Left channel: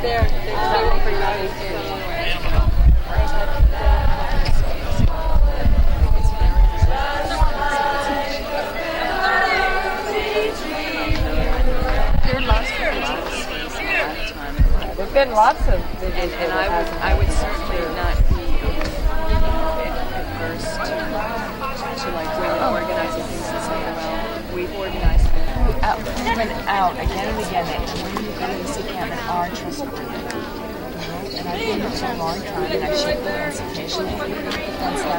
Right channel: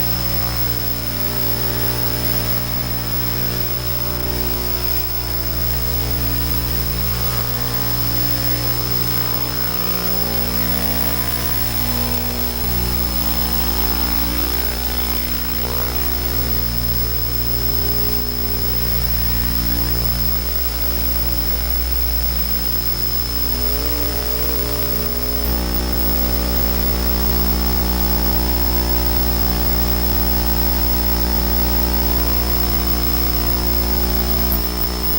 there. That one's pretty heavy. There's been lots of visits, and I would certainly not organizing things and saying, we've organized out again and again. This encampment arches. And I've been here for a long time, and I should have been suggestion.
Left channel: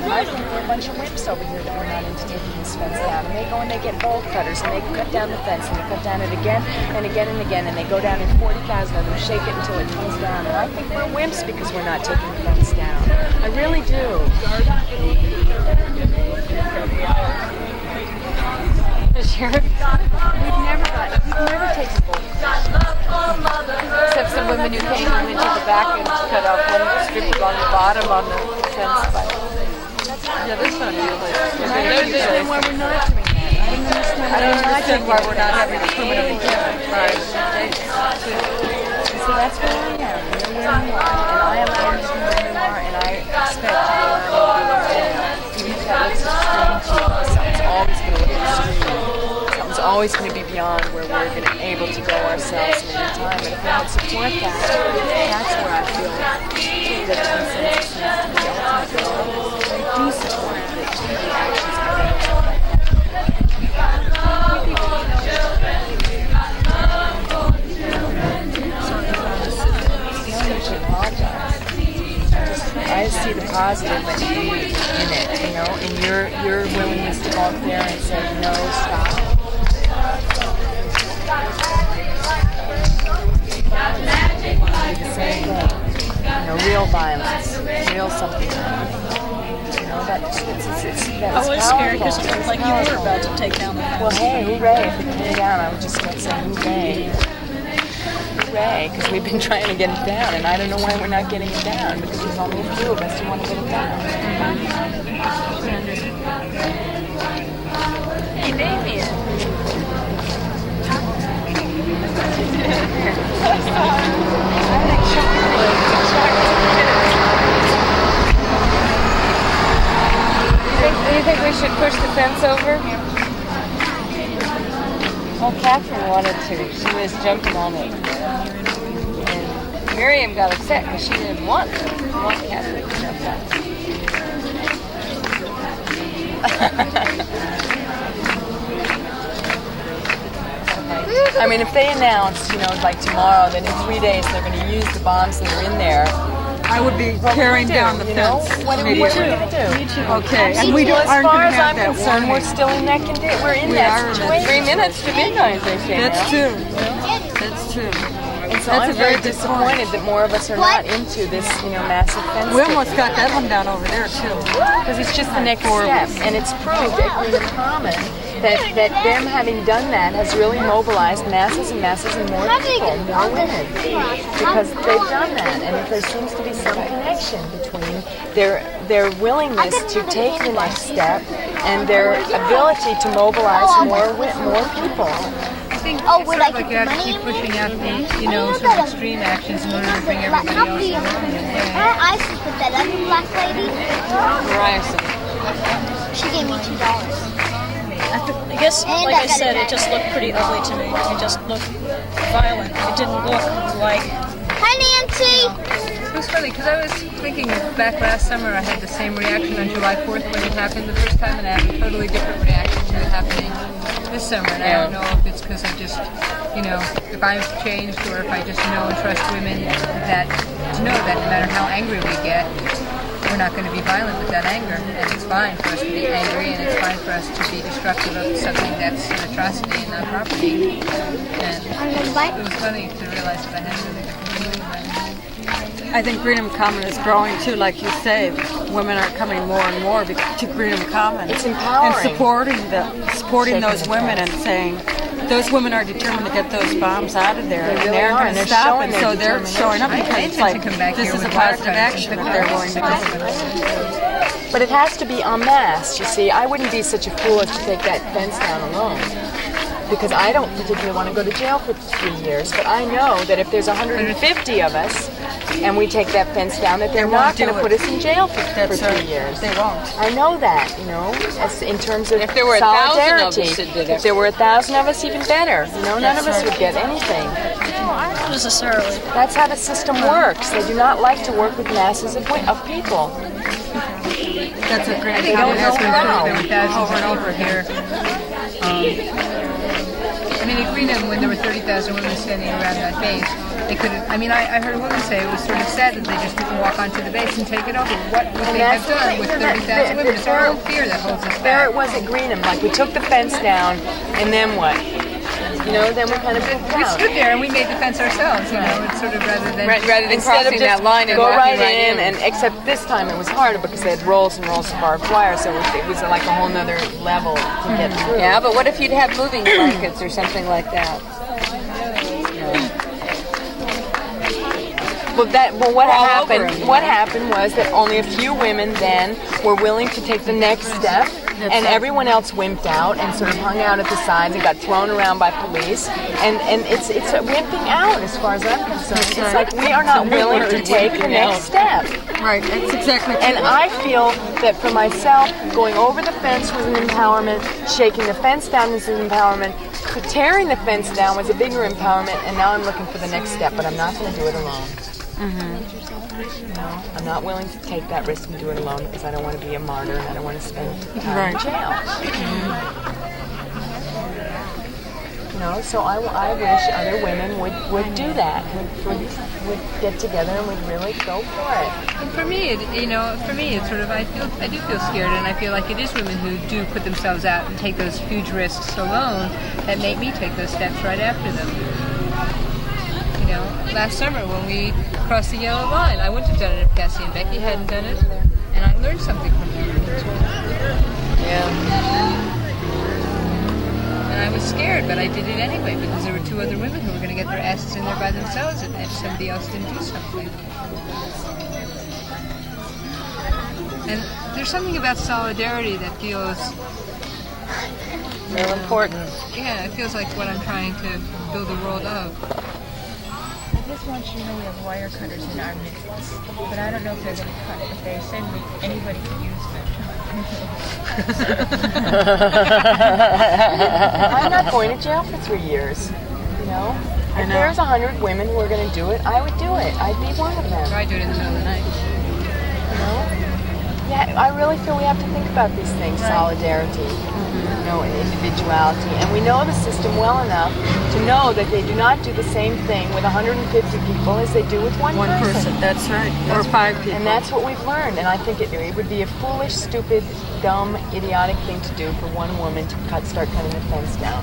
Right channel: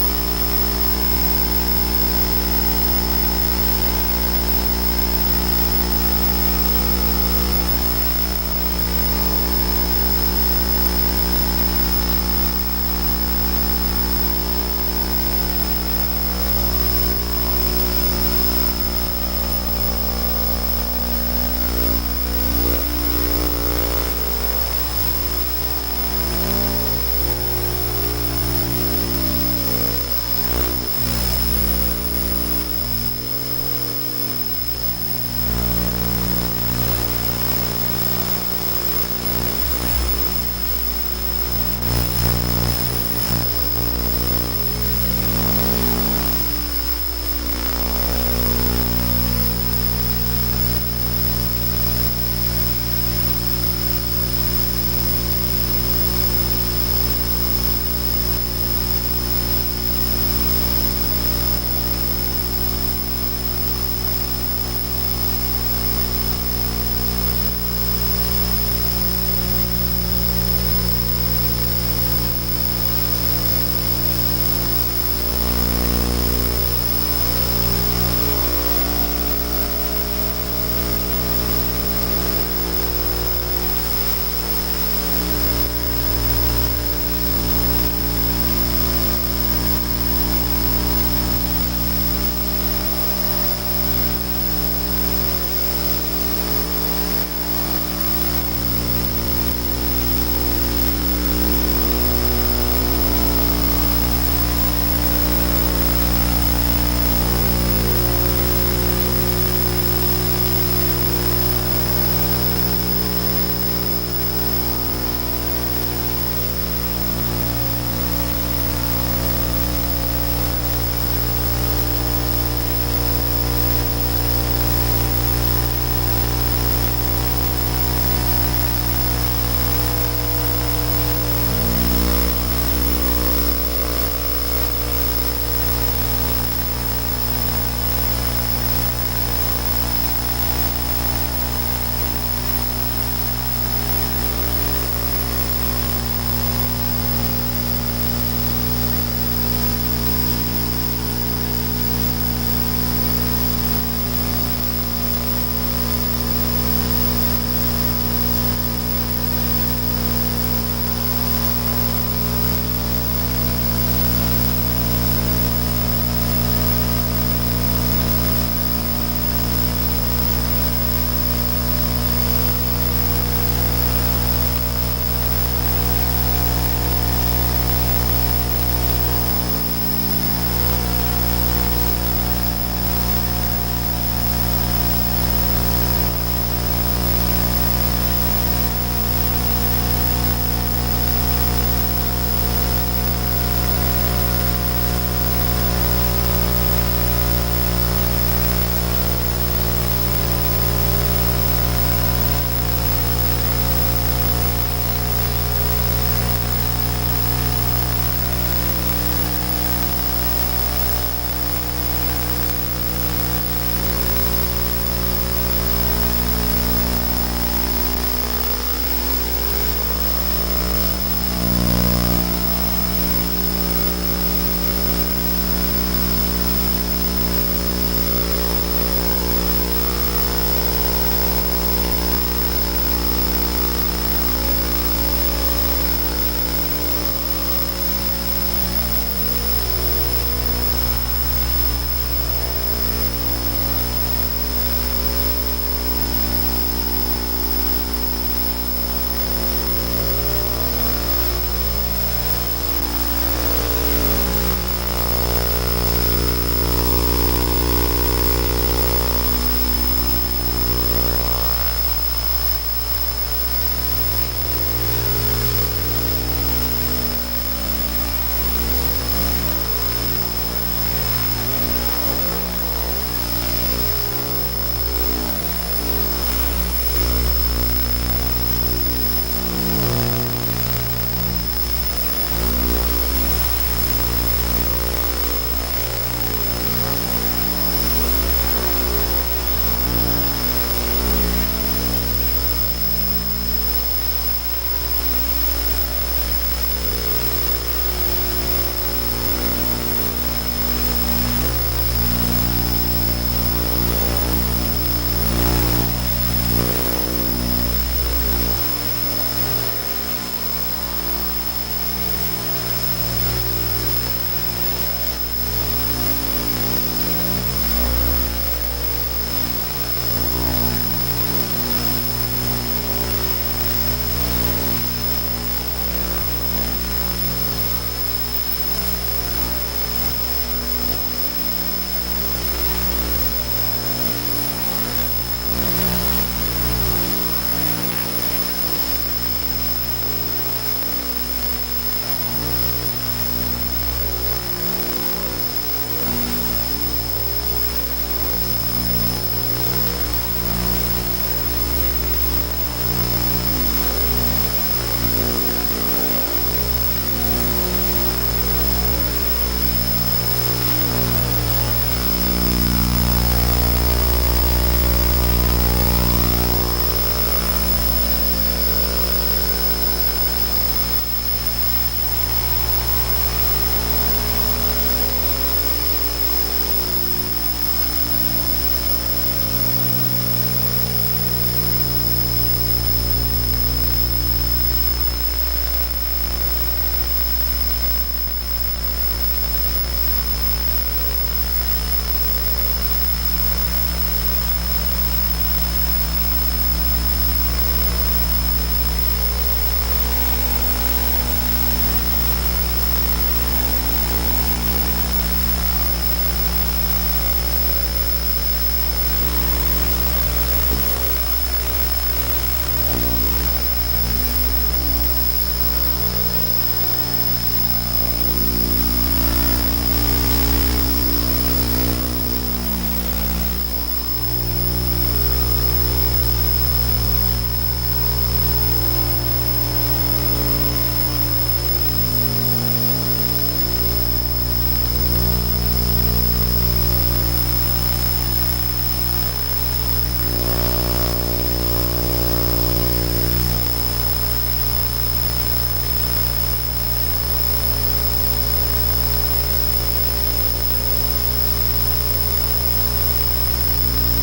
I've been for a bunch of whips over here going out and taking this fence down. And they go and they get bolt cutters, and they cut down the fence, and they cut down it again and again and again, and they go down in 40,000 of them, shake it until it comes down. And I think we're wimps because we're not taking the fence down. I really do. Except some women who came in and took the vacuum to cut off the strip on the bottom on the fence. Yeah, that's not beautiful. Then why we're not doing that? I don't understand why we're not having a permanent encampment. Right. So that's what we have. And I am very far, and I expect it's always going to be beyond where we're going to be able to go ourselves in time. But if we don't support that, that's where I feel that do support I see the positive in it, you know, in your willingness to go up there and say, no, stop. Real violence, real something. You know, I was scared because it looked like you were about to take down the house. Well, hey, hooray, if we can get it down, I was just going to say hooray. Hooray, because we've been trying to get it down, and I don't know why we're not getting it down. We want to do it, but we want to get it down. Hey, baby. Do you think we should push the fence over? Well, Catherine wanted to. She was jumping on it. And Miriam got upset because she didn't want to. Catherine to jump on it. I mean, if they announce, you know, like tomorrow, that in 3 days they're going to use the bombs that are in there, I would be tearing down the fence. What are we going to do? Okay, and we As aren't far going to as I'm have that concerned, we're still in that condition. We're in that situation. 3 minutes to midnight, they say. That's true. That's true. And so I'm very disappointed that more of us are not into this, you know, massive fence. We almost got that one down over there too. Because it's just the next step, and it's proved at Freedom Common that them having done that has really mobilized masses and masses and more people, more women, because they've done that, and there seems to be some connection between their willingness to take the next step and their ability to mobilize more people. Oh, would I get money? Keep pushing out these, you know, sort of extreme actions in order to bring everybody over. I put that up, black lady. Right. She gave me $2. I guess, like I said, it just looked pretty ugly to me. It just looked violent. It didn't look like... Hi, Nancy! It was funny because I was thinking back last summer I had the same reaction on July 4th when it happened the first time, and I had a totally different reaction to it happening this summer. And I don't know if it's just, you know, if I've changed or if I just know and trust women that know that no matter how angry we get, we're not going to be violent with that anger. It's just fine for us to be angry, and it's fine for us to be destructive of something that's an atrocity and not property. And it was funny to realize that I had I think Freedom Common is growing too, like you say. Women are coming more and more to Freedom Common. It's empowering. And supporting those women and saying, those women are determined to get those bombs out of there. They really they're are, going and to they're stop showing it. So they're showing up because it's like, this is a positive action if they're willing to go. But it has to be en masse, you see. I wouldn't be such a fool as to take that fence down alone. because I don't particularly want to go to jail for 3 years, but I know that if there's 150 of us and we take that fence down, that they're not going to put us in jail for 3 years. They won't. I know that, you know, as in terms of If there were 1,000 of us, solidarity. it would If there were 1,000 of us, even better. You know, none of us would get anything. Not necessarily. That's how the system works. They do not like to work with masses of people. That's a great I think don't it know has been how. over and over here. I mean, in Greenham, when there were 30,000 women standing around that base, they couldn't. I mean, I heard a woman say it was sort of sad that they just didn't walk onto the base and take it over. What would they have done with 30,000 women? It's our own fear that holds us There back. it was at Greenham. Like we took the fence down, and then what? You know, then we kind of moved We out. stood there and we made the fence ourselves, you know, it's sort of rather than Instead of crossing just that line and go walking right right in, and except this time it was harder because they had rolls and rolls of barbed wire, so it was like a whole nother level to get through. Yeah, but what if you'd have moving blankets or something like that? Well, what happened was that only a few women then were willing to take the next step, and everyone else wimped out and sort of hung out at the side and got thrown around by police. And it's a wimping out as far as I'm concerned. It's like we are not willing to take the next step. Right, that's exactly And I feel that for myself, going over the fence was an empowerment, shaking the fence down was an empowerment, tearing the fence down was a bigger empowerment, and now I'm looking for the next step, but I'm not going to do it alone. I'm not willing to take that risk and do it alone because I don't want to be a martyr and I don't want to spend time in jail. You know, so I wish other women would do that, would get together and would really go for it. And for me, it's sort of, I do feel scared, and I feel like it is women who do put themselves out and take those huge risks alone that make me take those steps right after them. You know, last summer when we crossed the yellow line, I wouldn't have done it if Cassie and Becky hadn't done it, and I learned something from them. Yeah. And I was scared, but I did it anyway because there were two other women who were going to get their asses in there by themselves, and somebody else didn't do something. And there's something about solidarity that feels, Real important. yeah, it feels like what I'm trying to build a world of. I'm not going to jail for 3 years. You know? If there's 100 women who are going to do it, I would do it. I'd be one of them. Try doing it in the middle of the night. You know? Yeah, I really feel we have to think about these things, solidarity, you know, and individuality. And we know the system well enough to know that they do not do the same thing with 150 people as they do with one person. That's right. Or 5 people. And that's what we've learned. And I think it would be a foolish, stupid, dumb, idiotic thing to do for one woman to start cutting the fence down.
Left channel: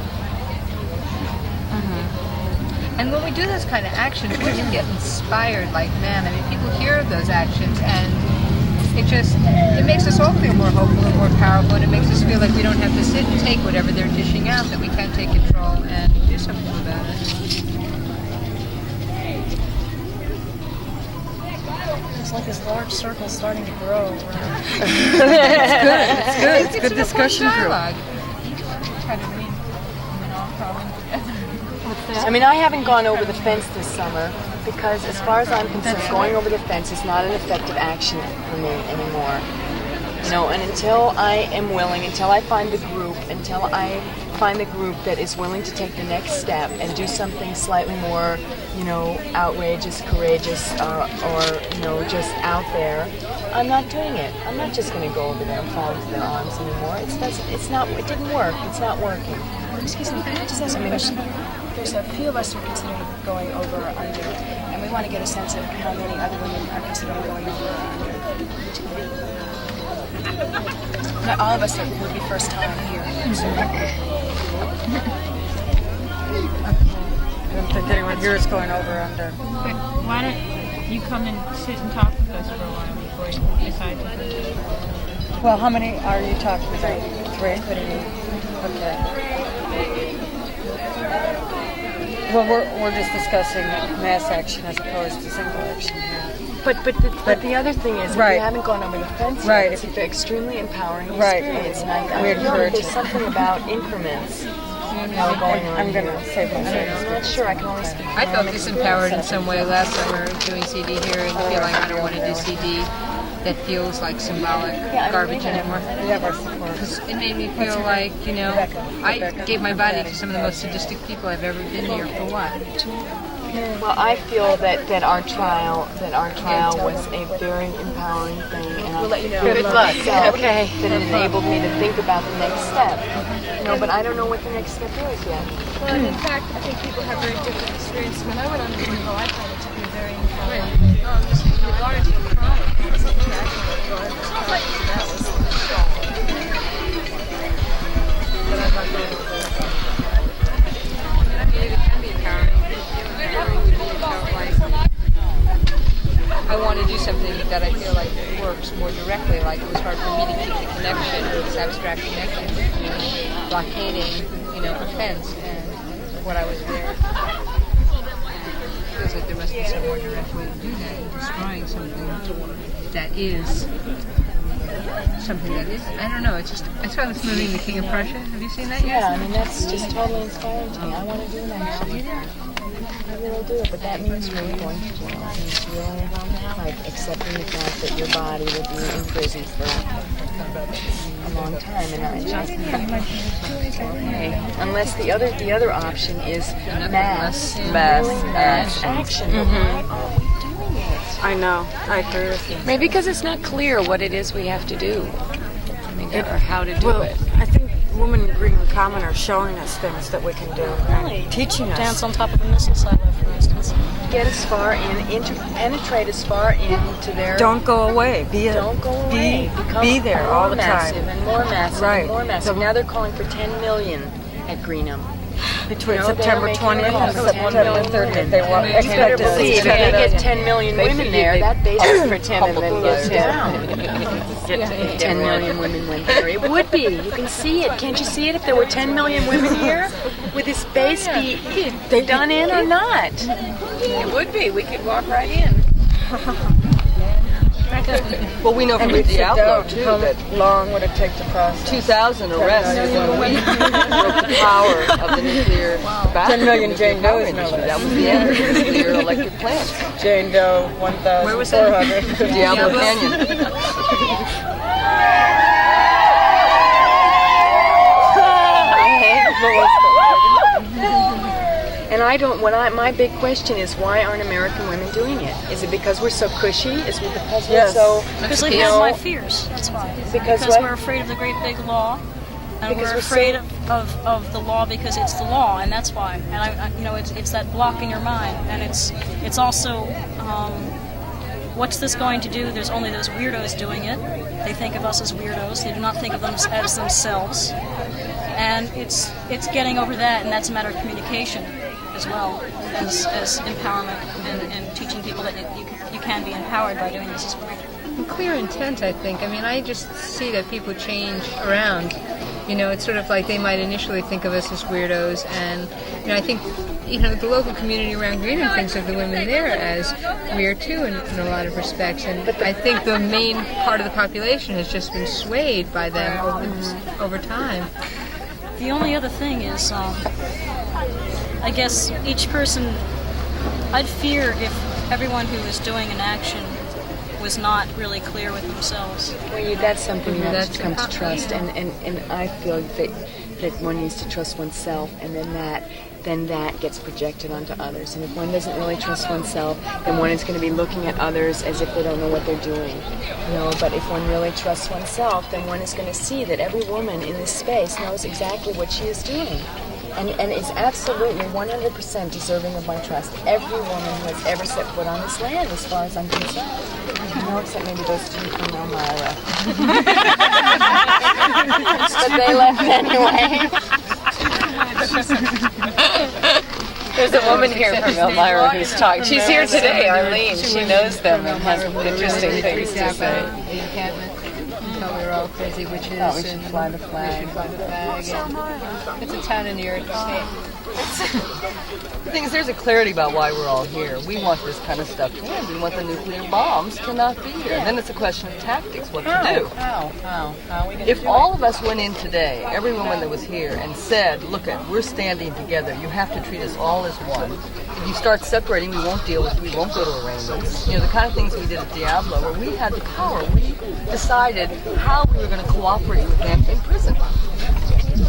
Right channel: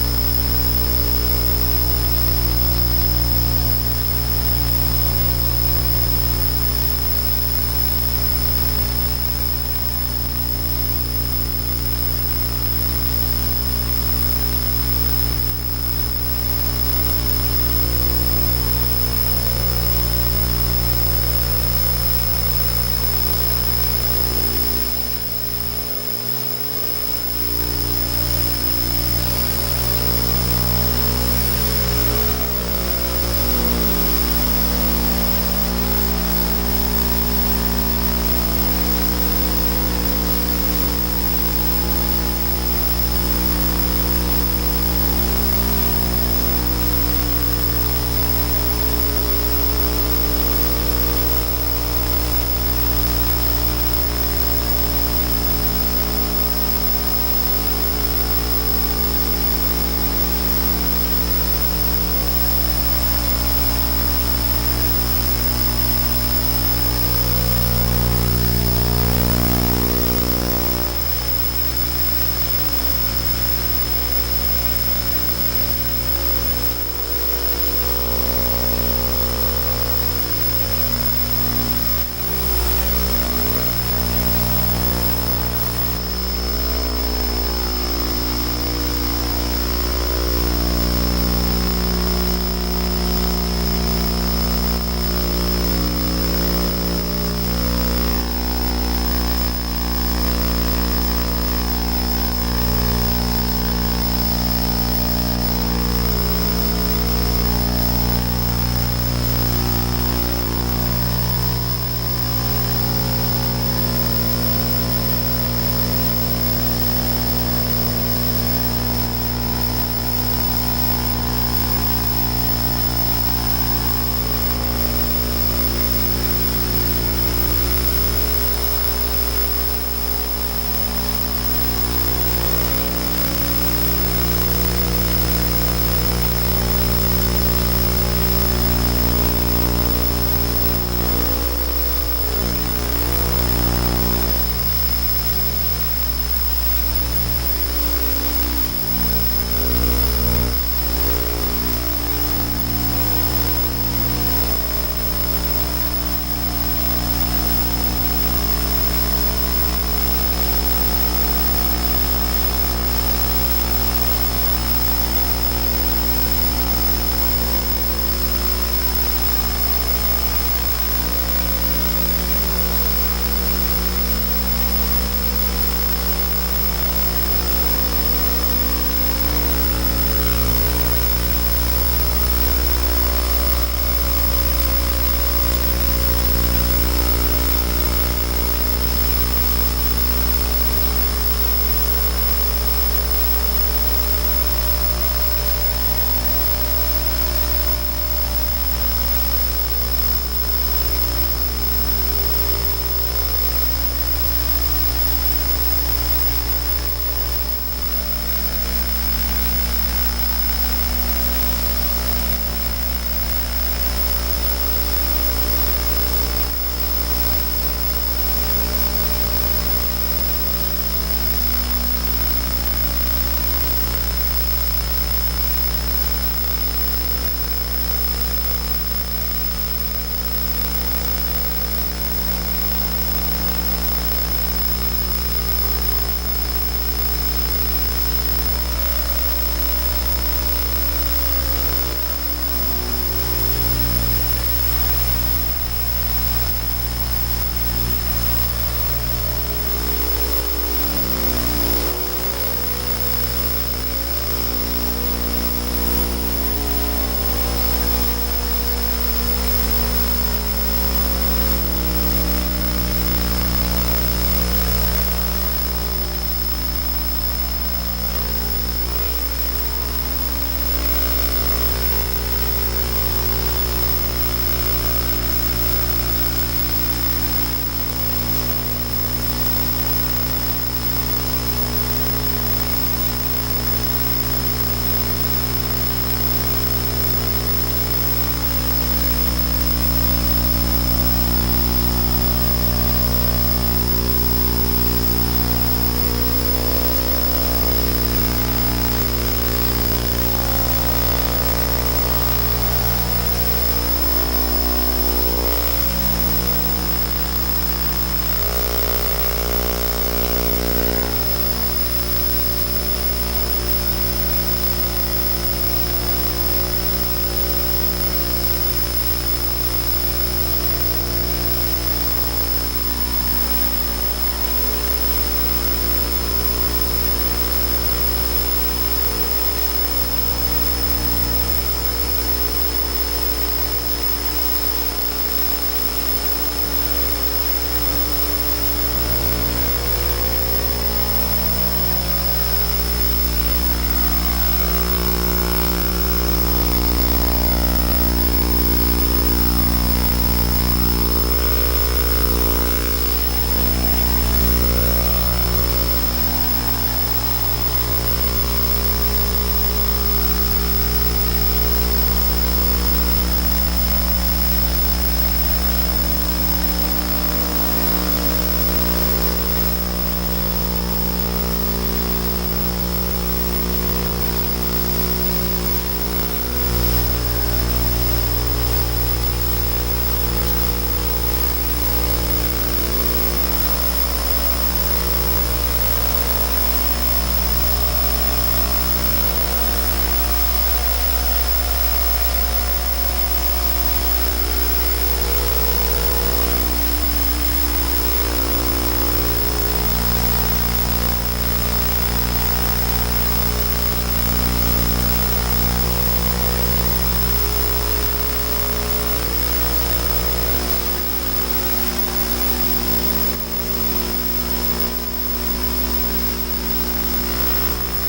And when we do those kind of actions, we can get inspired like man. I mean, people hear of those actions, and it makes us all feel more hopeful and more powerful, and it makes us feel like we don't have to sit and take whatever they're dishing out, that we can take control and do something about it. It's like this large circle starting to grow. It's good discussion group. Dialogue. I mean, I haven't gone over the fence this summer because, as far as I'm concerned, going over the fence is not an effective action for me anymore. You know, and until I am willing, until I find the group that is willing to take the next step and do something slightly more, you know, outrageous, courageous, or you know, just out there, I'm not doing it. I'm not just going to go over there and fall to their arms anymore. It didn't work. It's not working. There's a few of us who are going over again, and we want to get a sense of how many other women are Not all of us will be first time here. Yours going over out there. Why don't you come and sit and talk to them? Well, how many are you talking about? Where? What's that? Well, we're just discussing mass action as opposed to simple action. But the other thing is, Right. we haven't gone over the fence. Right. It's an extremely empowering Right. experience, and I We feel like encourage there's something about increments. I'm gonna say that. Sure, I can always. I felt disempowered in some way last summer doing CD here and feel like I don't want to do CD. That feels like symbolic garbage anymore. It made me feel like, I gave my body to some of the most sadistic people I've ever been here for what? Well, I feel that our trial was a very compelling thing. Good luck. Okay. That enabled me to think about the next step. But I don't know what the next step is yet. Well, in fact, I think people have very different experiences than I would have been, so I found it in a very different way. I want to do something that I feel like works more directly, like it's hard for me to make a connection with this abstract connection. Blockading, offense, what I was doing. That is something that is, I don't know, it's just, I saw this movie, The King of Prussia. Have you seen that yet? Yeah, that's just totally fine. I want to do that. I really do, but that means really accepting the fact that your body will be in prison for a long time. Unless the other option is mass action. I know. I agree with you. Maybe because it's not clear what it is we have to do or how to do it. I think women in common are showing us things that we can do. Teaching us. Dance on top of the missile site. Get as far penetrate as far into their. Don't go away. Don't go away. Be there all the time. And more massive, Right. and more massive. Now they're calling for 10 million at Greenham. Between September 20th and September 30th, they want You better believe if they get 10 million women there, that basically pretending that it gets down. 10 million women went there. It would be. You can see it. Can't you see it? If there were 10 million women here, would this base be done in or not? It would be. We could walk right in. Well, we know from the outlook too that long would it take to cross? 2,000 arrests is going to the power of the nuclear battery. 10 million Jane Doe. That would be it. Nuclear electric plant. Jane Doe, 1,400. Diablo Canyon. And I don't. My big question is, why aren't American women doing it? Is it because we're so cushy? Is it because we're so? Because they have my fears. That's why. Because we're afraid of the great big law, and we're afraid of the law because it's the law, and that's why. And it's that block in your mind, and it's also what's this going to do? There's only those weirdos doing it. They think of us as weirdos. They do not think of us as themselves, and it's getting over that, and that's a matter of communication as well as empowerment and teaching people that you can be empowered by doing this as well. Clear in sense, I think. I mean, I just see that people change around. It's sort of like they might initially think of us as weirdos, and I think the local community around Greenham thinks of the women there as weird too in a lot of respects. And I think the main part of the population has just been swayed by them over time. The only other thing is, I guess each person, I'd fear if everyone who is doing an action was not really clear with themselves. That's something that comes to trust, and I feel that one needs to trust oneself, and then that gets projected onto others. And if one doesn't really trust oneself, then one is going to be looking at others as if they don't know what they're doing. But if one really trusts oneself, then one is going to see that every woman in this space knows exactly what she is doing. And is absolutely 100% deserving of my trust. Every woman has ever set foot on this land, as far as I'm concerned. But they left anyway. There's a woman here from Elmira who's talking. She's here today, Arlene. She knows them and has interesting things to say. The thing is, there's a clarity about why we're all here. We want this kind of stuff to end. We want the nuclear bombs to not be here. Then it's a question of tactics, what to do. If all of us went in today, every woman that was here, and said, look, we're standing together, you have to treat us all as one. If you start separating, you won't deal with it, you won't go to a restaurant. You know, the kind of things we did at Diablo, we had the power. We decided how we were going to cooperate with Encampment prison.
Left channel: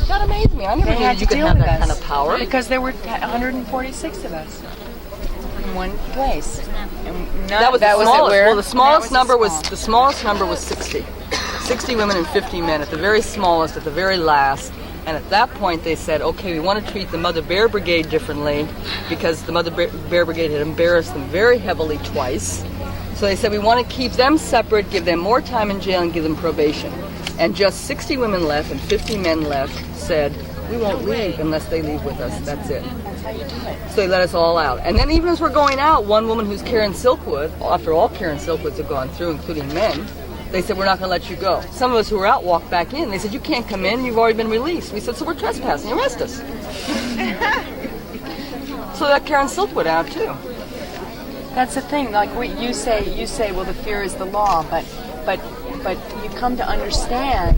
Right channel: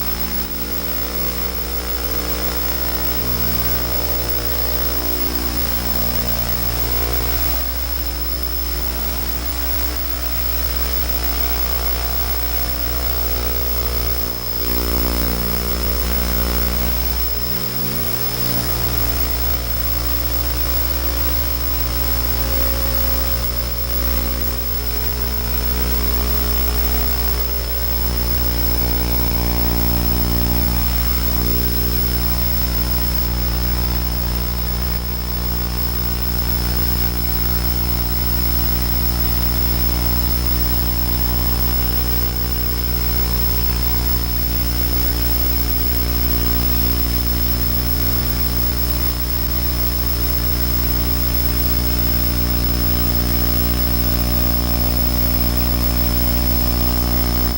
That amazed me. I never knew you could have that kind of power. Because there were 146 of us in one place. That was the smallest. Well, the smallest number was 60. 60 women and 50 men at the very smallest, at the very last. And at that point they said, okay, we want to treat the Mother Bear Brigade differently because the Mother Bear Brigade had embarrassed them very heavily twice. So they said we want to keep them separate, give them more time in jail and give them probation. And just 60 women left and 50 men left said, we won't leave unless they leave with us, that's it. So they let us all out. And then even as we're going out, one woman who's Karen Silkwood, after all Karen Silkwoods had gone through, including men, they said, we're not going to let you go. Some of us who were out walked back in. They said, you can't come in, you've already been released. We said, so we're trespassing, arrest us. So that Karen Silkwood out too. That's the thing. Like you say, well, the fear is the law, but you come to understand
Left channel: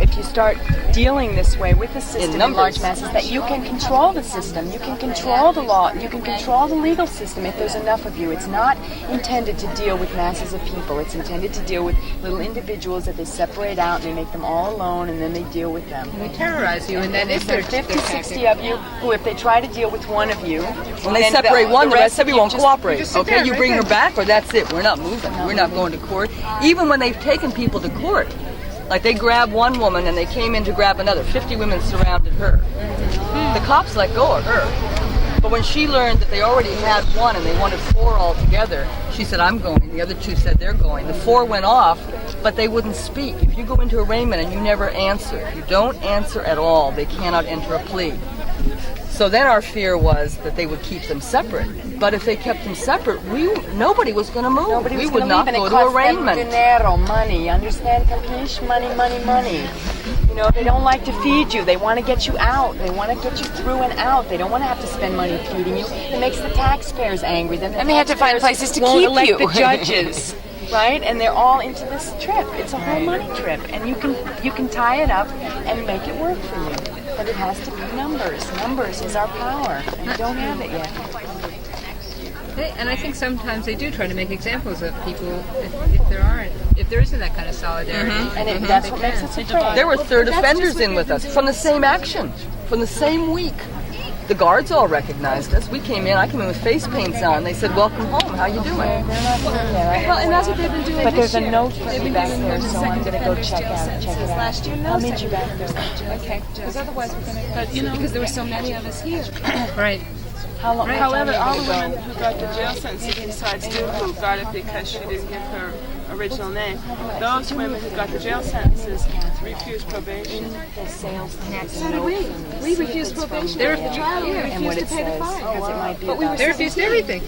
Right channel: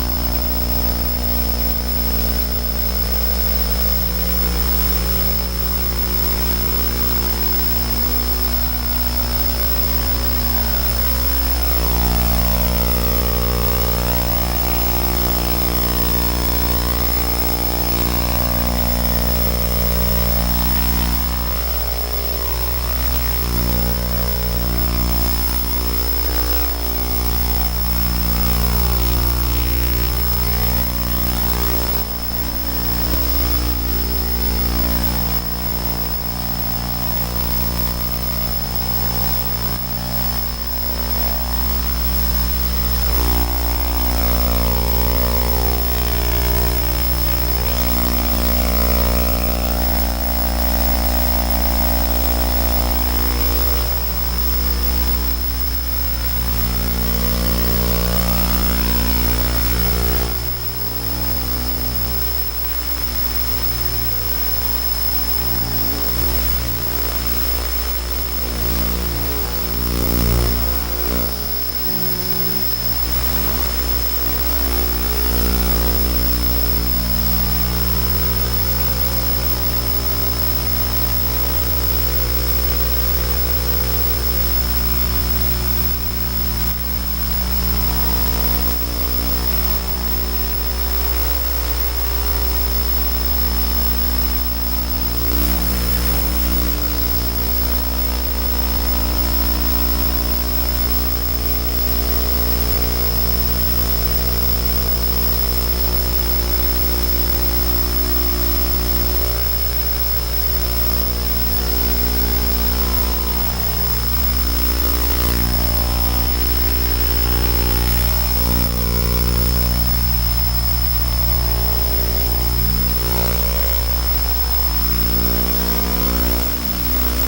if you start dealing this way with the system in large masses, that you can control the system, you can control the law, you can control the legal system if there's enough of you. It's not intended to deal with masses of people. It's intended to deal with little individuals that they separate out and they make them all alone and then they deal with them. They terrorize you, and then if There are 50, 60 of you who, if they try to deal with one of you, when they separate one, the rest of you won't cooperate. Okay, you bring her back or that's it. We're not moving. We're not going to court. Even when they've taken people to court, like they grabbed one woman and they came in to grab another. 50 women surrounded her. The cops let go of her. But when she learned that they already had one and they wanted 4 altogether, she said, I'm going. The other 2 said they're going. The 4 went off, but they wouldn't speak. You go into arraignment and you never answer. Don't answer at all. They cannot enter a plea. So then our fear was that they would keep them separate. But if they kept them separate, nobody was going to move. We would not go to arraignment. Dinero, money, understand? Money. You know, they don't like to feed you. They want to get you out. They want to get you through and out. They don't want to have to spend money feeding you. It makes the taxpayers angry. And they have to find places to won't keep elect you. the judges, right? And they're all into this trip. It's a whole money trip, and you can tie it up and make it work for you. But it has to be numbers. Numbers is our power. We don't have it yet. And I think sometimes they do try to make examples of people if there isn't that kind of solidarity. And that's what makes it so bad. There were 3rd offenders in with us from the same action, from the same week. The guards all recognized us. We came in, I came in with face paints on. They said, welcome home, how you doing? Well, and that's what they've been doing. But there's a note for me back there, so I'm going to go check it out. I'll meet you back there. Okay. Because there were so many of us here. Right. However, all the women who got the jail sentence besides two who got it because she was in her original name, those women who got the jail sentences refused probation. So did we. We refused probation. They refused everything.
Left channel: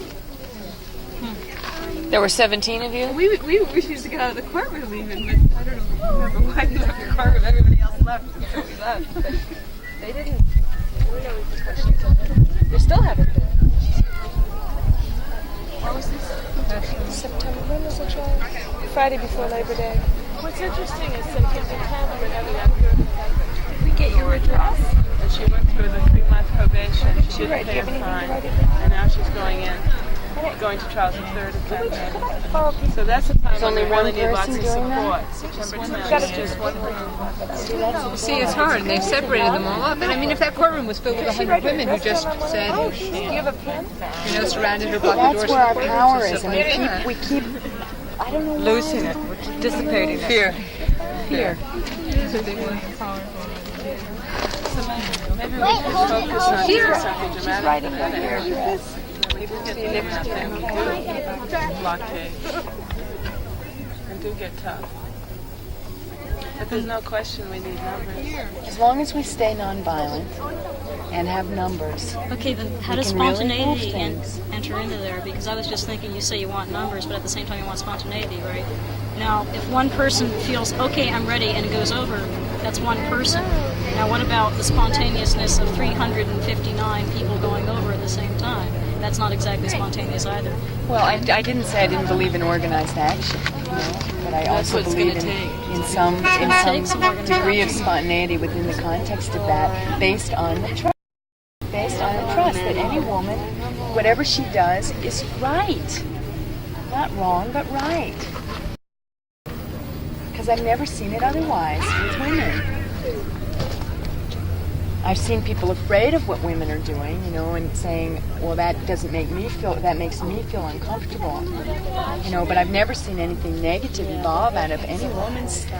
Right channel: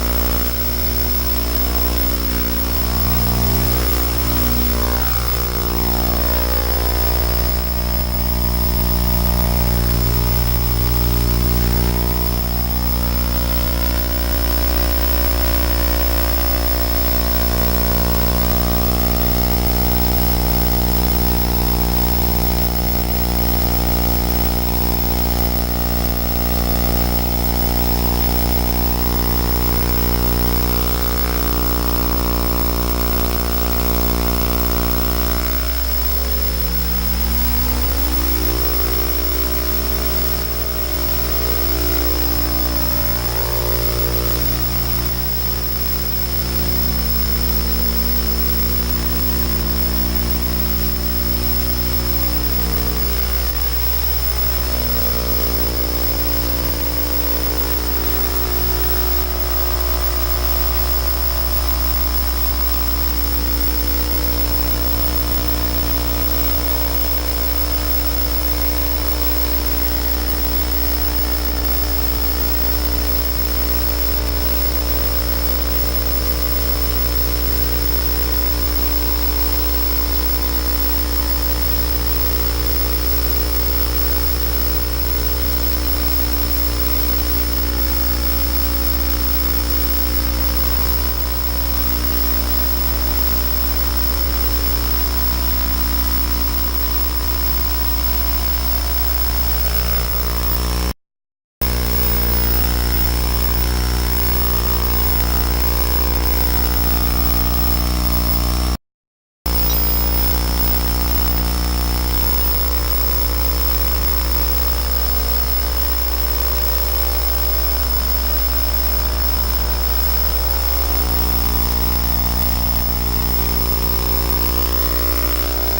There were 17 of you? We refused to get out of the courtroom. I took the car with everything else left. We're still having Friday before Labor Day. Get your withdrawal. She went for the 3-month probation. She didn't have time. And now she's going in. Going to trial for 37. So that's only really need lots of support. See, it's hard. They've separated them all up. And I mean, if that courtroom was filled with 100 women who just said, surrounded or blocked the doors. That's where our power is. We keep I don't know. losing it, dissipating fear. Fear. As long as we stay nonviolent and have numbers. Okay, then how does spontaneity enter into there? Because I was just thinking, you say you want numbers, but at the same time you want spontaneity, right? Now, if one person feels, okay, I'm ready, and goes over, that's one person. Now, what about the spontaneousness of 359 people going over at the same time? That's not exactly spontaneous either. Well, I didn't say I didn't believe in organized action, but I also believe in some degree of spontaneity within the context of that, based on the trust. Based on the trust that any woman, whatever she does, is right. Not wrong, but right. Because I've never seen it otherwise with women. I've seen people afraid of what women are doing, you know, and saying, well, that doesn't make me feel, that makes me feel uncomfortable. No, but I've never seen anything negative evolve out of any woman's